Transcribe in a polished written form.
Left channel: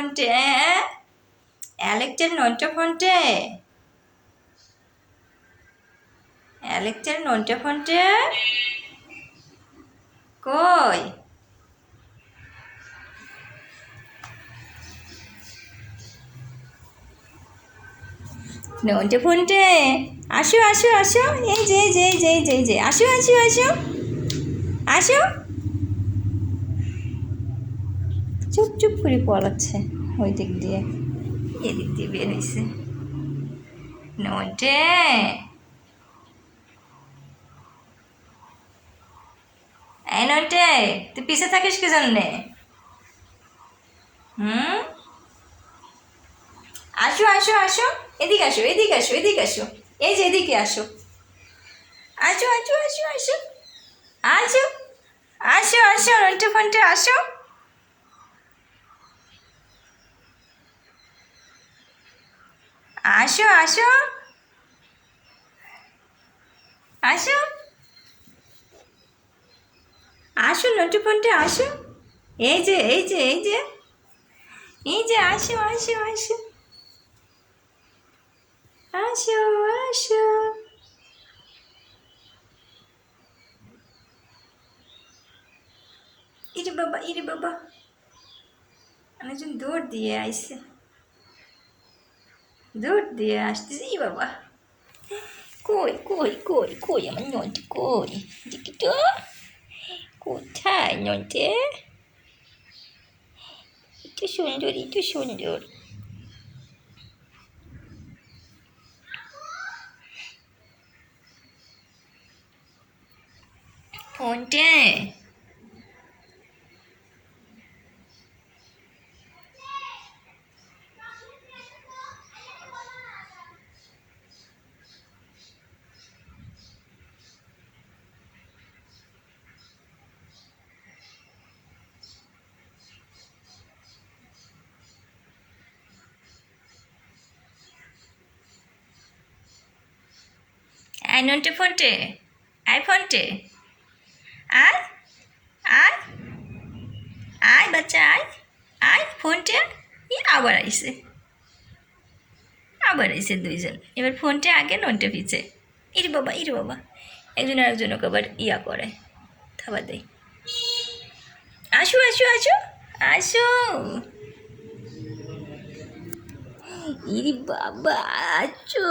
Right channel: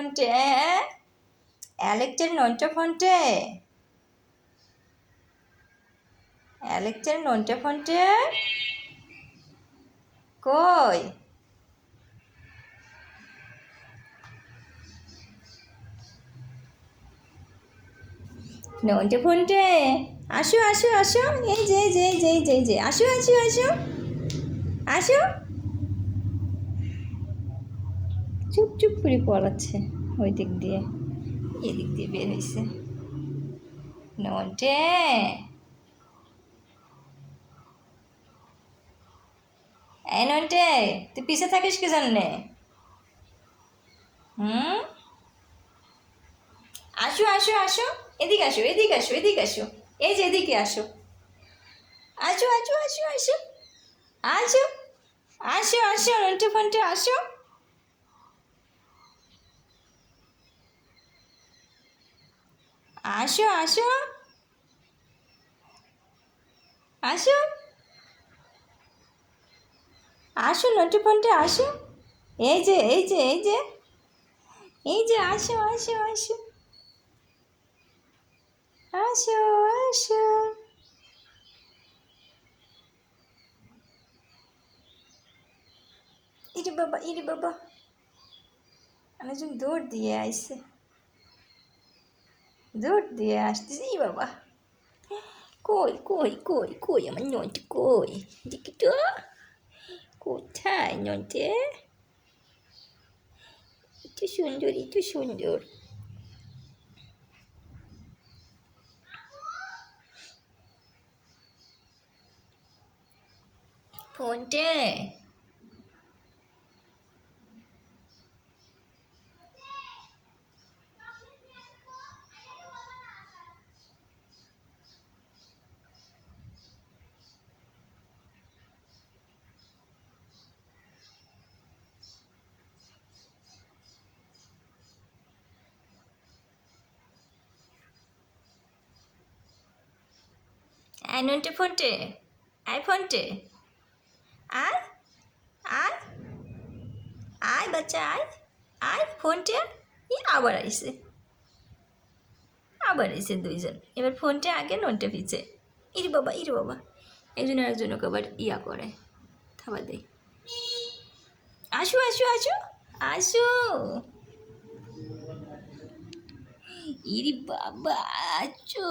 ফোনটে অ্যালেক্সের নন্টে ফোনটে অ্যালেক্সের নন্টে ফোনটে কই নন্টে ফোনটে আসো আসো আসো এই যে এই যে এই যে এই যে এই যে আসো আসো আসো আসো চুপ চুপ করে পড়াচ্ছে ওই দিক দিয়ে এদিক দিয়ে বের হয়েছে নন্টে এই নন্টে তুই পিছে থাকিস কি জন্যে আসো আসো আসো এদিকে আসো এদিকে আসো এদিকে আসো এই যে এদিকে আসো আসো আসো আসো আসো আসো আসো আসো নন্টে ফোনটে আসো আসো আসো আসো আসো নন্টে ফোনটে আসো এই যে এই যে এই যে এই যে আসো আসো আসো আসো আসো ইরে বাবা অনেকজন দৌড় দিয়ে আইসে দৌড় দিয়ে আসতেছে ই বাবা কই কই কই কই আমার নন্টে কই দেখি তো কোথায় নন্টে একটু সুন্দর একটু সুন্দর ফোনটে আয় নন্টে ফোনটে আয় ফোনটে আয় আয় আয় বাচ্চা আয় আয় ফোনটে আবার আইসে দুইজন এবার ফোনটে আগে নন্টে পিছে ইরে বাবা একজন আরেকজন ওকে আবার ইয়া করে থাবা দেয় আসো আসো আসো আসো ইরে বাবা আছো